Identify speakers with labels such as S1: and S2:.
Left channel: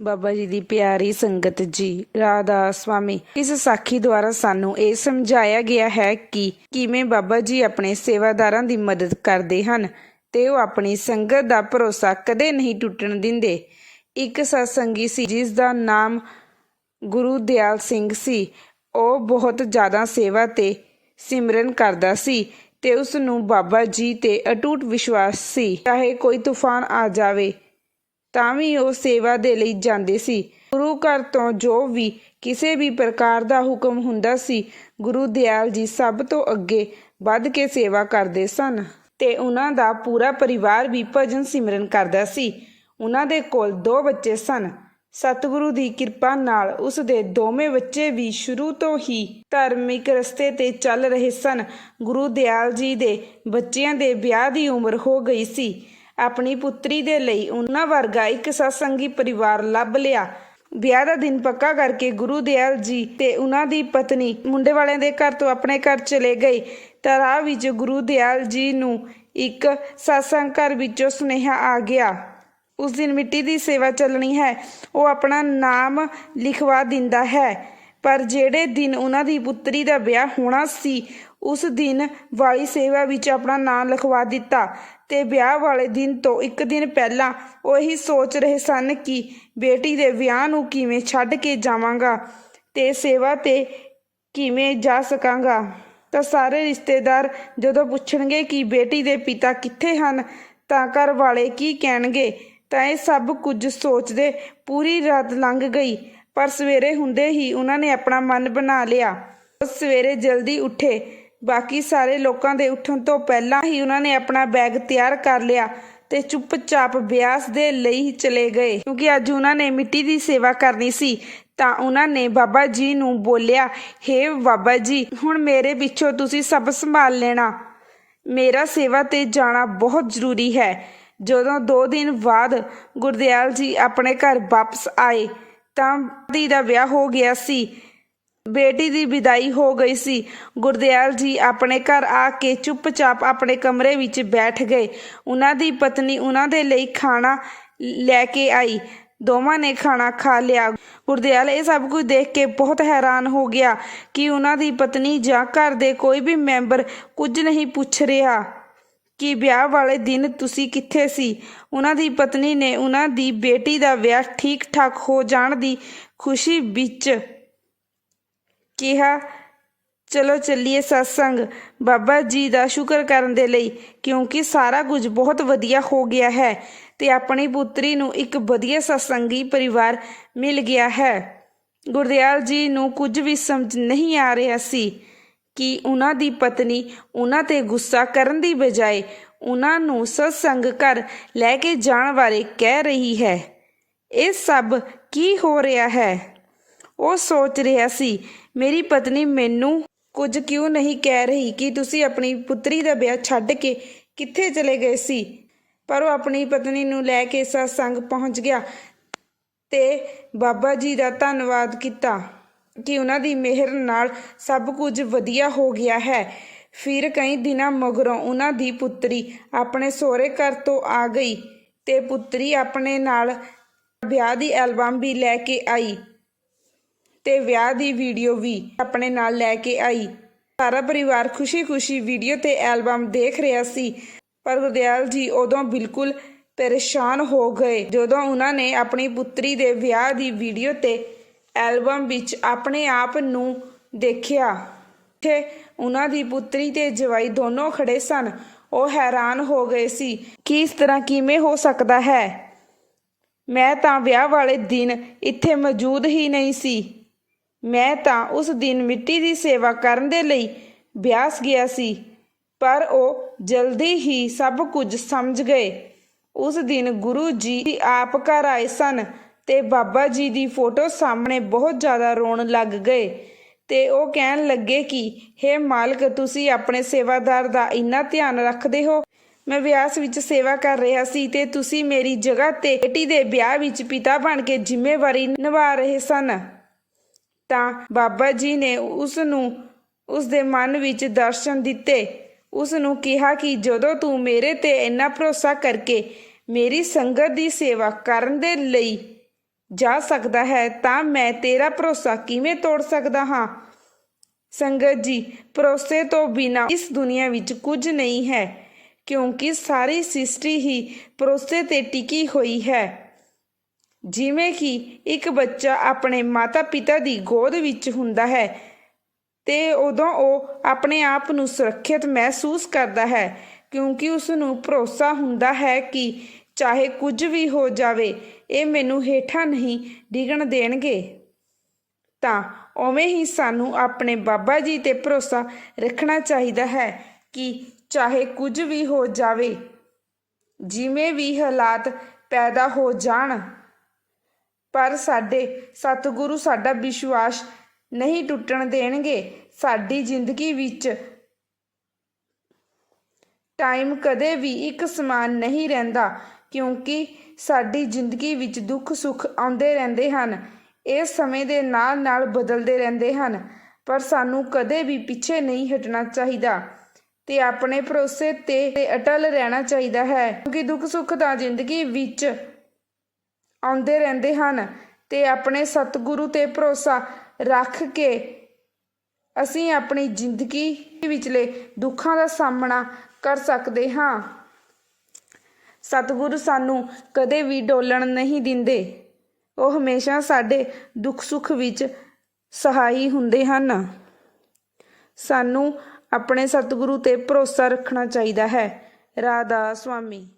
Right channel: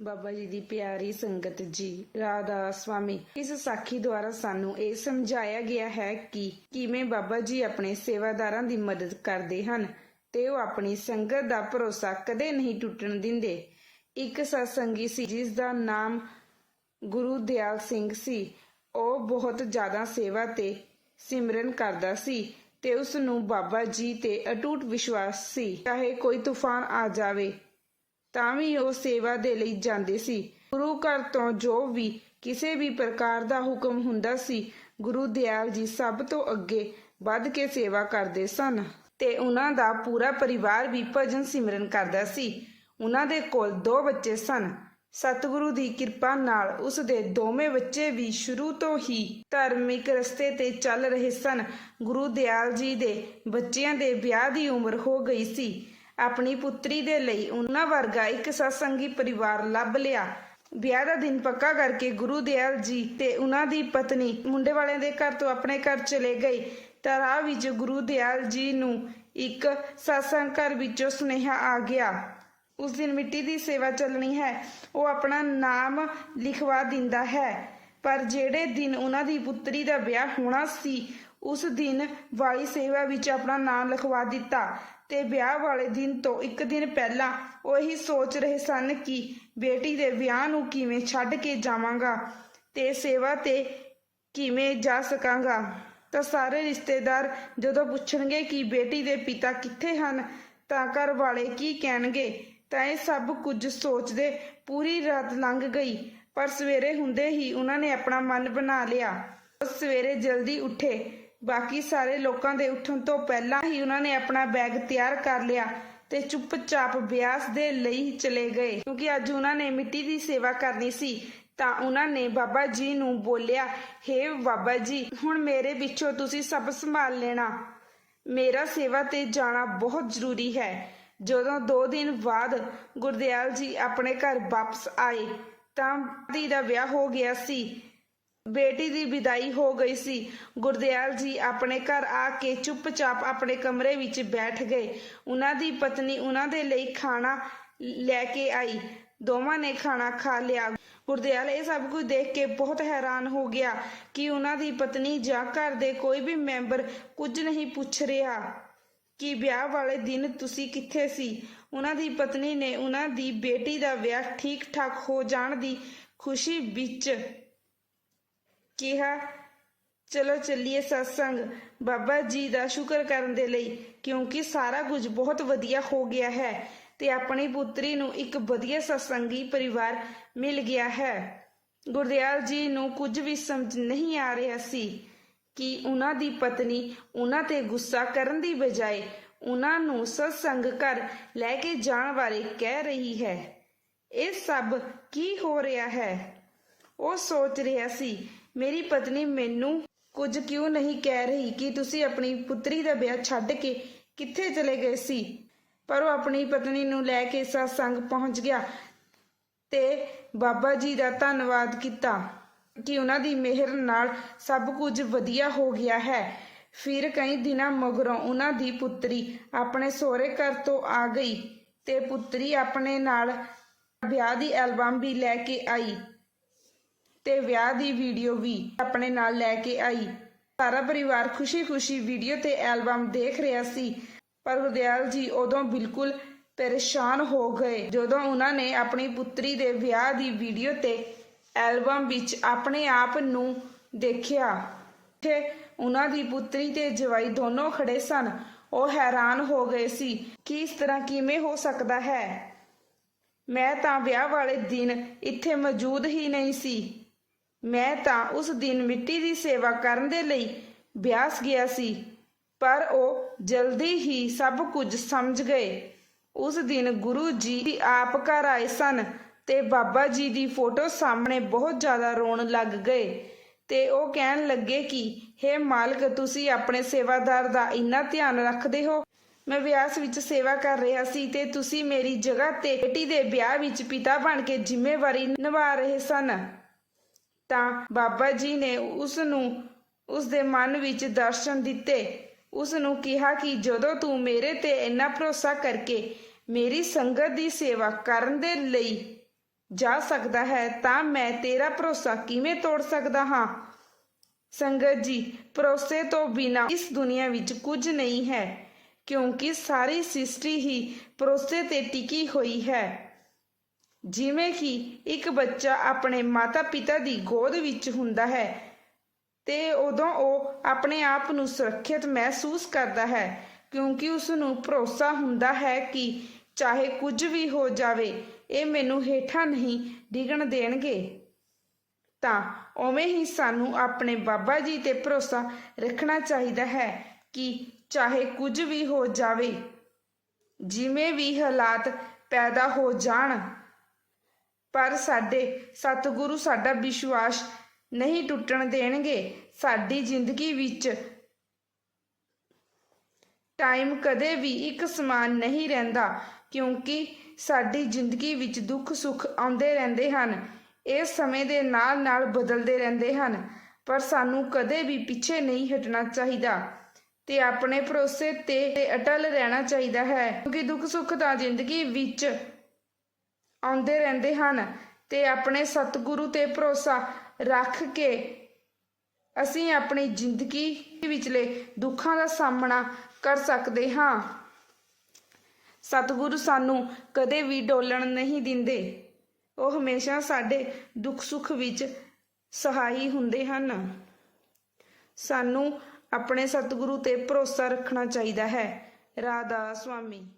S1: ਬਾਬਾ ਜੀ ਦੀ ਪਿਆਰੀ ਸੰਗਤ ਜੀ, ਰਾਧਾ ਸਵਾਮੀ, ਇਸ ਸਾਖੀ ਦੁਆਰਾ ਸਾਨੂੰ ਇਹ ਸਮਝਾਇਆ ਗਿਆ ਹੈ ਕਿ ਕਿਵੇਂ ਬਾਬਾ ਜੀ ਆਪਣੇ ਸੇਵਾਦਾਰਾਂ ਦੀ ਮਦਦ ਕਰਦੇ ਹਨ ਤੇ ਉਹ ਆਪਣੀ ਸੰਗਤ ਦਾ ਭਰੋਸਾ ਕਦੇ ਨਹੀਂ ਟੁੱਟਣ ਦਿੰਦੇ। ਇੱਕ ਸਤਸੰਗੀ ਸੀ, ਜਿਸ ਦਾ ਨਾਮ ਗੁਰੂ ਦਿਆਲ ਸਿੰਘ ਸੀ। ਉਹ ਬਹੁਤ ਜ਼ਿਆਦਾ ਸੇਵਾ ਤੇ ਸਿਮਰਨ ਕਰਦਾ ਸੀ ਤੇ ਉਸ ਨੂੰ ਬਾਬਾ ਜੀ ਤੇ ਅਟੂਟ ਵਿਸ਼ਵਾਸ ਸੀ। ਚਾਹੇ ਕੋਈ ਤੂਫਾਨ ਆ ਜਾਵੇ ਤਾਂ ਵੀ ਉਹ ਸੇਵਾ ਦੇ ਲਈ ਜਾਂਦੇ ਸੀ। ਗੁਰੂ ਘਰ ਤੋਂ ਜੋ ਵੀ ਕਿਸੇ ਵੀ ਪ੍ਰਕਾਰ ਦਾ ਹੁਕਮ ਹੁੰਦਾ ਸੀ, ਗੁਰੂ ਦਿਆਲ ਜੀ ਸਭ ਤੋਂ ਅੱਗੇ ਵੱਧ ਕੇ ਸੇਵਾ ਕਰਦੇ ਸਨ ਤੇ ਉਹਨਾਂ ਦਾ ਪੂਰਾ ਪਰਿਵਾਰ ਵੀ ਭਜਨ ਸਿਮਰਨ ਕਰਦਾ ਸੀ। ਉਹਨਾਂ ਦੇ ਕੋਲ ਦੋ ਬੱਚੇ ਸਨ। ਸਤਿਗੁਰੂ ਦੀ ਕਿਰਪਾ ਨਾਲ ਉਸ ਦੇ ਦੋਵੇਂ ਬੱਚੇ ਵੀ ਸ਼ੁਰੂ ਤੋਂ ਹੀ ਧਾਰਮਿਕ ਰਸਤੇ ਤੇ ਚੱਲ ਰਹੇ ਸਨ। ਗੁਰੂ ਦਿਆਲ ਜੀ ਦੇ ਬੱਚਿਆਂ ਦੇ ਵਿਆਹ ਦੀ ਉਮਰ ਹੋ ਗਈ ਸੀ। ਆਪਣੀ ਪੁੱਤਰੀ ਦੇ ਲਈ ਉਹਨਾਂ ਵਰਗਾ ਇੱਕ ਸਤਸੰਗੀ ਪਰਿਵਾਰ ਲੱਭ ਲਿਆ। ਵਿਆਹ ਦਾ ਦਿਨ ਪੱਕਾ ਕਰਕੇ ਗੁਰੂ ਦਿਆਲ ਜੀ ਤੇ ਉਹਨਾਂ ਦੀ ਪਤਨੀ ਮੁੰਡੇ ਵਾਲਿਆਂ ਦੇ ਘਰ ਤੋਂ ਆਪਣੇ ਘਰ ਚਲੇ ਗਏ ਤਾਂ ਵਿੱਚ ਗੁਰੂ ਦਿਆਲ ਜੀ ਨੂੰ ਇੱਕ ਸਤਸੰਗ ਘਰ ਵਿੱਚੋਂ ਸੁਨੇਹਾ ਆ ਗਿਆ। ਉਸ ਦਿਨ ਮਿੱਟੀ ਦੀ ਸੇਵਾ ਚੱਲਣੀ ਹੈ, ਉਹ ਆਪਣਾ ਨਾਮ ਲਿਖਵਾ ਦਿੰਦਾ ਹੈ। ਪਰ ਜਿਹੜੇ ਦਿਨ ਉਹਨਾਂ ਦੀ ਪੁੱਤਰੀ ਦਾ ਵਿਆਹ ਹੋਣਾ ਸੀ, ਉਸ ਦਿਨ ਵਾਲੀ ਸੇਵਾ ਵਿੱਚ ਆਪਣਾ ਨਾਮ ਲਿਖਵਾ ਦਿੱਤਾ। ਤੇ ਵਿਆਹ ਵਾਲੇ ਦਿਨ ਤੋਂ ਇੱਕ ਦਿਨ ਪਹਿਲਾਂ ਉਹ ਇਹੀ ਸੋਚ ਰਹੇ ਸਨ ਕਿ ਬੇਟੀ ਦੇ ਵਿਆਹ ਨੂੰ ਕਿਵੇਂ ਛੱਡ ਕੇ ਜਾਵਾਂਗਾ ਤੇ ਸੇਵਾ ਤੇ ਕਿਵੇਂ ਜਾ ਸਕਾਂਗਾ। ਤਾਂ ਸਾਰੇ ਰਿਸ਼ਤੇਦਾਰ ਜਦੋਂ ਪੁੱਛਣਗੇ ਕਿ ਬੇਟੀ ਦੇ ਪਿਤਾ ਕਿੱਥੇ ਹਨ, ਤਾਂ ਘਰ ਵਾਲੇ ਕੀ ਕਹਿਣਗੇ, ਤਾਂ ਇਹ ਸਭ ਕੁਝ ਸੋਚਦੇ ਪੂਰੀ ਰਾਤ ਲੰਘ ਗਈ, ਪਰ ਸਵੇਰੇ ਹੁੰਦੇ ਹੀ ਉਹਨਾਂ ਨੇ ਆਪਣਾ ਮਨ ਬਣਾ ਲਿਆ। ਉਹ ਸਵੇਰੇ ਜਲਦੀ ਉੱਠੇ। ਬਾਕੀ ਸਾਰੇ ਲੋਕਾਂ ਦੇ ਉੱਠਣ ਤੋਂ ਪਹਿਲਾਂ ਹੀ ਉਹਨਾਂ ਨੇ ਆਪਣਾ ਬੈਗ ਤਿਆਰ ਕਰ ਲਿਆ ਤੇ ਚੁੱਪਚਾਪ ਬਿਆਸ ਦੇ ਲਈ ਚਲੇ ਗਏ। ਕਿਉਂਕਿ ਅੱਜ ਉਹਨਾਂ ਨੇ ਮਿੱਟੀ ਦੀ ਸੇਵਾ ਕਰਨੀ ਸੀ, ਤਾਂ ਉਹਨਾਂ ਨੇ ਬਾਬਾ ਜੀ ਨੂੰ ਬੋਲਿਆ, ਹੇ ਬਾਬਾ ਜੀ, ਹੁਣ ਮੇਰੇ ਪਿੱਛੋਂ ਤੁਸੀਂ ਸਭ ਸੰਭਾਲ ਲੈਣਾ। ਮੇਰਾ ਸੇਵਾ ਤੇ ਜਾਣਾ ਬਹੁਤ ਜ਼ਰੂਰੀ ਹੈ। ਜਦੋਂ 2 ਦਿਨ ਬਾਅਦ ਗੁਰਦਿਆਲ ਜੀ ਆਪਣੇ ਘਰ ਵਾਪਸ ਆਏ, ਤਾਂ ਦੀ ਦਾ ਵਿਆਹ ਹੋ ਗਿਆ ਸੀ। ਬੇਟੀ ਦੀ ਵਿਦਾਈ ਹੋ ਗਈ ਸੀ। ਗੁਰਦਿਆਲ ਜੀ ਆਪਣੇ ਘਰ ਆ ਕੇ ਚੁੱਪਚਾਪ ਆਪਣੇ ਕਮਰੇ ਵਿੱਚ ਬੈਠ ਗਏ। ਉਹਨਾਂ ਦੀ ਪਤਨੀ ਉਹਨਾਂ ਦੇ ਲਈ ਖਾਣਾ ਲੈ ਕੇ ਆਈ। ਦੋਵਾਂ ਨੇ ਖਾਣਾ ਖਾ ਲਿਆ। ਗੁਰਦਿਆਲ ਇਹ ਸਭ ਕੁਝ ਦੇਖ ਕੇ ਬਹੁਤ ਹੈਰਾਨ ਹੋ ਗਿਆ ਕਿ ਉਹਨਾਂ ਦੀ ਪਤਨੀ ਜਾਂ ਘਰ ਦੇ ਕੋਈ ਵੀ ਮੈਂਬਰ ਕੁਝ ਨਹੀਂ ਪੁੱਛ ਰਿਹਾ ਕਿ ਵਿਆਹ ਵਾਲੇ ਦਿਨ ਤੁਸੀਂ ਕਿੱਥੇ ਸੀ। ਉਹਨਾਂ ਦੀ ਪਤਨੀ ਨੇ ਉਹਨਾਂ ਦੀ ਬੇਟੀ ਦਾ ਵਿਆਹ ਠੀਕ ਠਾਕ ਹੋ ਜਾਣ ਦੀ ਖੁਸ਼ੀ ਵਿੱਚ ਕਿਹਾ, ਚਲੋ ਚੱਲੀਏ ਸਤਸੰਗ ਬਾਬਾ ਜੀ ਦਾ ਸ਼ੁਕਰ ਕਰਨ ਦੇ ਲਈ, ਕਿਉਂਕਿ ਸਾਰਾ ਕੁਝ ਬਹੁਤ ਵਧੀਆ ਹੋ ਗਿਆ ਹੈ ਤੇ ਆਪਣੀ ਪੁੱਤਰੀ ਨੂੰ ਇੱਕ ਵਧੀਆ ਸਤਸੰਗੀ ਪਰਿਵਾਰ ਮਿਲ ਗਿਆ ਹੈ। ਗੁਰਦਿਆਲ ਜੀ ਨੂੰ ਕੁਝ ਵੀ ਸਮਝ ਨਹੀਂ ਆ ਰਿਹਾ ਸੀ ਕਿ ਉਹਨਾਂ ਦੀ ਪਤਨੀ ਉਹਨਾਂ ਤੇ ਗੁੱਸਾ ਕਰਨ ਦੀ ਬਜਾਏ ਉਹਨਾਂ ਨੂੰ ਸਤਸੰਗ ਘਰ ਲੈ ਕੇ ਜਾਣ ਬਾਰੇ ਕਹਿ ਰਹੀ ਹੈ। ਇਹ ਸਭ ਕੀ ਹੋ ਰਿਹਾ ਹੈ? ਉਹ ਸੋਚ ਰਿਹਾ ਸੀ ਮੇਰੀ ਪਤਨੀ ਮੈਨੂੰ ਕੁਝ ਕਿਉਂ ਨਹੀਂ ਕਹਿ ਰਹੀ ਕਿ ਤੁਸੀਂ ਆਪਣੀ ਪੁੱਤਰੀ ਦਾ ਵਿਆਹ ਛੱਡ ਕੇ ਕਿੱਥੇ ਚਲੇ ਗਏ ਸੀ? ਪਰ ਉਹ ਆਪਣੀ ਪਤਨੀ ਨੂੰ ਲੈ ਕੇ ਸਤਸੰਗ ਪਹੁੰਚ ਗਿਆ ਤੇ ਬਾਬਾ ਜੀ ਦਾ ਧੰਨਵਾਦ ਕੀਤਾ ਕਿ ਉਹਨਾਂ ਦੀ ਮਿਹਰ ਨਾਲ ਸਭ ਕੁਝ ਵਧੀਆ ਹੋ ਗਿਆ ਹੈ। ਫਿਰ ਕਈ ਦਿਨਾਂ ਮਗਰੋਂ ਉਹਨਾਂ ਦੀ ਪੁੱਤਰੀ ਆਪਣੇ ਸਹੁਰੇ ਘਰ ਤੋਂ ਆ ਗਈ ਤੇ ਪੁੱਤਰੀ ਆਪਣੇ ਨਾਲ ਵਿਆਹ ਦੀ ਐਲਬਮ ਵੀ ਲੈ ਕੇ ਆਈ। ਤੇ ਵਿਆਹ ਦੀ ਵੀਡੀਓ ਵੀ ਆਪਣੇ ਨਾਲ ਲੈ ਕੇ ਆਈ। ਸਾਰਾ ਪਰਿਵਾਰ ਖੁਸ਼ੀ-ਖੁਸ਼ੀ ਵੀਡੀਓ ਤੇ ਐਲਬਮ ਦੇਖ ਰਿਹਾ ਸੀ। ਪਰ ਗੁਰਦਿਆਲ ਜੀ ਉਦੋਂ ਬਿਲਕੁਲ ਪਰੇਸ਼ਾਨ ਹੋ ਗਏ। ਜਦੋਂ ਉਹਨਾਂ ਨੇ ਆਪਣੀ ਪੁੱਤਰੀ ਦੇ ਵਿਆਹ ਦੀ ਵੀਡੀਓ ਤੇ ਐਲਬਮ ਵਿੱਚ ਆਪਣੇ ਆਪ ਨੂੰ ਦੇਖਿਆ, ਤੇ ਉਹਨਾਂ ਦੀ ਪੁੱਤਰੀ ਤੇ ਜਵਾਈ ਦੋਨੋਂ ਖੜੇ ਸਨ, ਉਹ ਹੈਰਾਨ ਹੋ ਗਏ ਸੀ ਕਿ ਇਸ ਤਰ੍ਹਾਂ ਕਿਵੇਂ ਹੋ ਸਕਦਾ ਹੈ। ਮੈਂ ਤਾਂ ਵਿਆਹ ਵਾਲੇ ਦਿਨ ਇੱਥੇ ਮੌਜੂਦ ਹੀ ਨਹੀਂ ਸੀ। ਮੈਂ ਤਾਂ ਉਸ ਦਿਨ ਮਿੱਟੀ ਦੀ ਸੇਵਾ ਕਰਨ ਦੇ ਲਈ ਬਿਆਸ ਗਿਆ ਸੀ, ਪਰ ਉਹ ਜਲਦੀ ਹੀ ਸਭ ਕੁਝ ਸਮਝ ਗਏ। ਉਸ ਦਿਨ ਗੁਰੂ ਜੀ ਆਪ ਘਰ ਆਏ ਸਨ ਤੇ ਬਾਬਾ ਜੀ ਦੀ ਫੋਟੋ ਸਾਹਮਣੇ ਬਹੁਤ ਜ਼ਿਆਦਾ ਰੋਣ ਲੱਗ ਗਏ ਤੇ ਉਹ ਕਹਿਣ ਲੱਗੇ ਕਿ हे ਮਾਲਕ, ਤੁਸੀਂ ਆਪਣੇ ਸੇਵਾਦਾਰ ਦਾ ਇੰਨਾ ਧਿਆਨ ਰੱਖਦੇ ਹੋ। ਮੈਂ ਵਿਆਸ ਵਿੱਚ ਸੇਵਾ ਕਰ ਰਿਹਾ ਸੀ ਤੇ ਤੁਸੀਂ ਮੇਰੀ ਜਗ੍ਹਾ ਤੇ ਬੇਟੀ ਦੇ ਵਿਆਹ ਵਿੱਚ ਪਿਤਾ ਬਣ ਕੇ ਜ਼ਿੰਮੇਵਾਰੀ ਨਿਭਾ ਰਹੇ ਸਨ। ਤਾਂ ਬਾਬਾ ਜੀ ਨੇ ਉਸ ਨੂੰ ਉਸ ਦੇ ਮਨ ਵਿੱਚ ਦਰਸ਼ਨ ਦਿੱਤੇ। ਉਸ ਨੂੰ ਕਿਹਾ ਕਿ ਜਦੋਂ ਤੂੰ ਮੇਰੇ ਤੇ ਇੰਨਾ ਭਰੋਸਾ ਕਰਕੇ ਮੇਰੀ ਸੰਗਤ ਦੀ ਸੇਵਾ ਕਰਨ ਦੇ ਲਈ ਜਾ ਸਕਦਾ ਹੈ, ਤਾਂ ਮੈਂ ਤੇਰਾ ਭਰੋਸਾ ਕਿਵੇਂ ਤੋੜ ਸਕਦਾ ਹਾਂ? ਸੰਗਤ ਜੀ, ਭਰੋਸੇ ਤੋਂ ਬਿਨਾ ਇਸ ਦੁਨੀਆ ਵਿੱਚ ਕੁਝ ਨਹੀਂ ਹੈ, ਕਿਉਂਕਿ ਸਾਰੀ ਸ੍ਰਿਸ਼ਟੀ ਹੀ ਭਰੋਸੇ ਤੇ ਟਿਕੀ ਹੋਈ ਹੈ। ਜਿਵੇਂ ਕਿ ਇੱਕ ਬੱਚਾ ਆਪਣੇ ਮਾਤਾ-ਪਿਤਾ ਦੀ ਗੋਦ ਵਿੱਚ ਹੁੰਦਾ ਹੈ ਤੇ ਉਦੋਂ ਉਹ ਆਪਣੇ ਆਪ ਨੂੰ ਸੁਰੱਖਿਅਤ ਮਹਿਸੂਸ ਕਰਦਾ ਹੈ, ਕਿਉਂਕਿ ਉਸ ਨੂੰ ਭਰੋਸਾ ਹੁੰਦਾ ਹੈ ਕਿ ਚਾਹੇ ਕੁਝ ਵੀ ਹੋ ਜਾਵੇ, ਇਹ ਮੈਨੂੰ ਹੇਠਾਂ ਨਹੀਂ ਡਿੱਗਣ ਦੇਣਗੇ। ਤਾਂ ਉਵੇਂ ਹੀ ਸਾਨੂੰ ਆਪਣੇ ਬਾਬਾ ਜੀ ਤੇ ਭਰੋਸਾ ਰੱਖਣਾ ਚਾਹੀਦਾ ਹੈ ਕਿ ਚਾਹੇ ਕੁਝ ਵੀ ਹੋ ਜਾਵੇ, ਜਿਵੇਂ ਵੀ ਹਾਲਾਤ ਪੈਦਾ ਹੋ ਜਾਣ। ਪਰ ਸਾਡੇ ਸਤਿਗੁਰੂ ਸਾਡਾ ਵਿਸ਼ਵਾਸ ਨਹੀਂ ਟੁੱਟਣ ਦੇਣਗੇ। ਸਾਡੀ ਜ਼ਿੰਦਗੀ ਵਿੱਚ ਟਾਈਮ ਕਦੇ ਵੀ ਇੱਕ ਸਮਾਨ ਨਹੀਂ ਰਹਿੰਦਾ, ਕਿਉਂਕਿ ਸਾਡੀ ਜ਼ਿੰਦਗੀ ਵਿੱਚ ਦੁੱਖ ਸੁੱਖ ਆਉਂਦੇ ਰਹਿੰਦੇ ਹਨ, ਇਹ ਸਮੇਂ ਦੇ ਨਾਲ ਨਾਲ ਬਦਲਦੇ ਰਹਿੰਦੇ ਹਨ, ਪਰ ਸਾਨੂੰ ਕਦੇ ਵੀ ਪਿੱਛੇ ਨਹੀਂ ਹਟਣਾ ਚਾਹੀਦਾ ਤੇ ਆਪਣੇ ਭਰੋਸੇ ਤੇ ਅਟਲ ਰਹਿਣਾ ਚਾਹੀਦਾ ਹੈ। ਕਿਉਂਕਿ ਦੁੱਖ ਸੁੱਖ ਤਾਂ ਜ਼ਿੰਦਗੀ ਵਿੱਚ ਆਉਂਦੇ ਰਹਿੰਦੇ ਹਨ ਤੇ ਆਪਣੇ ਸਤਿਗੁਰੂ ਤੇ ਭਰੋਸਾ ਰੱਖ ਕੇ ਅਸੀਂ ਆਪਣੀ ਜ਼ਿੰਦਗੀ ਵਿਚਲੇ ਦੁੱਖਾਂ ਦਾ ਸਾਹਮਣਾ ਕਰ ਸਕਦੇ ਹਾਂ। ਸਤਿਗੁਰੂ ਸਾਨੂੰ ਕਦੇ ਵੀ ਡੋਲਣ ਨਹੀਂ ਦਿੰਦੇ। ਉਹ ਹਮੇਸ਼ਾ ਸਾਡੇ ਦੁੱਖ ਸੁੱਖ ਵਿੱਚ ਸਹਾਈ ਹੁੰਦੇ ਹਨ। ਸਾਨੂੰ ਆਪਣੇ ਸਤਿਗੁਰੂ ਤੇ ਭਰੋਸਾ ਰੱਖਣਾ ਚਾਹੀਦਾ ਹੈ। ਰਾਧਾ ਸੁਆਮੀ।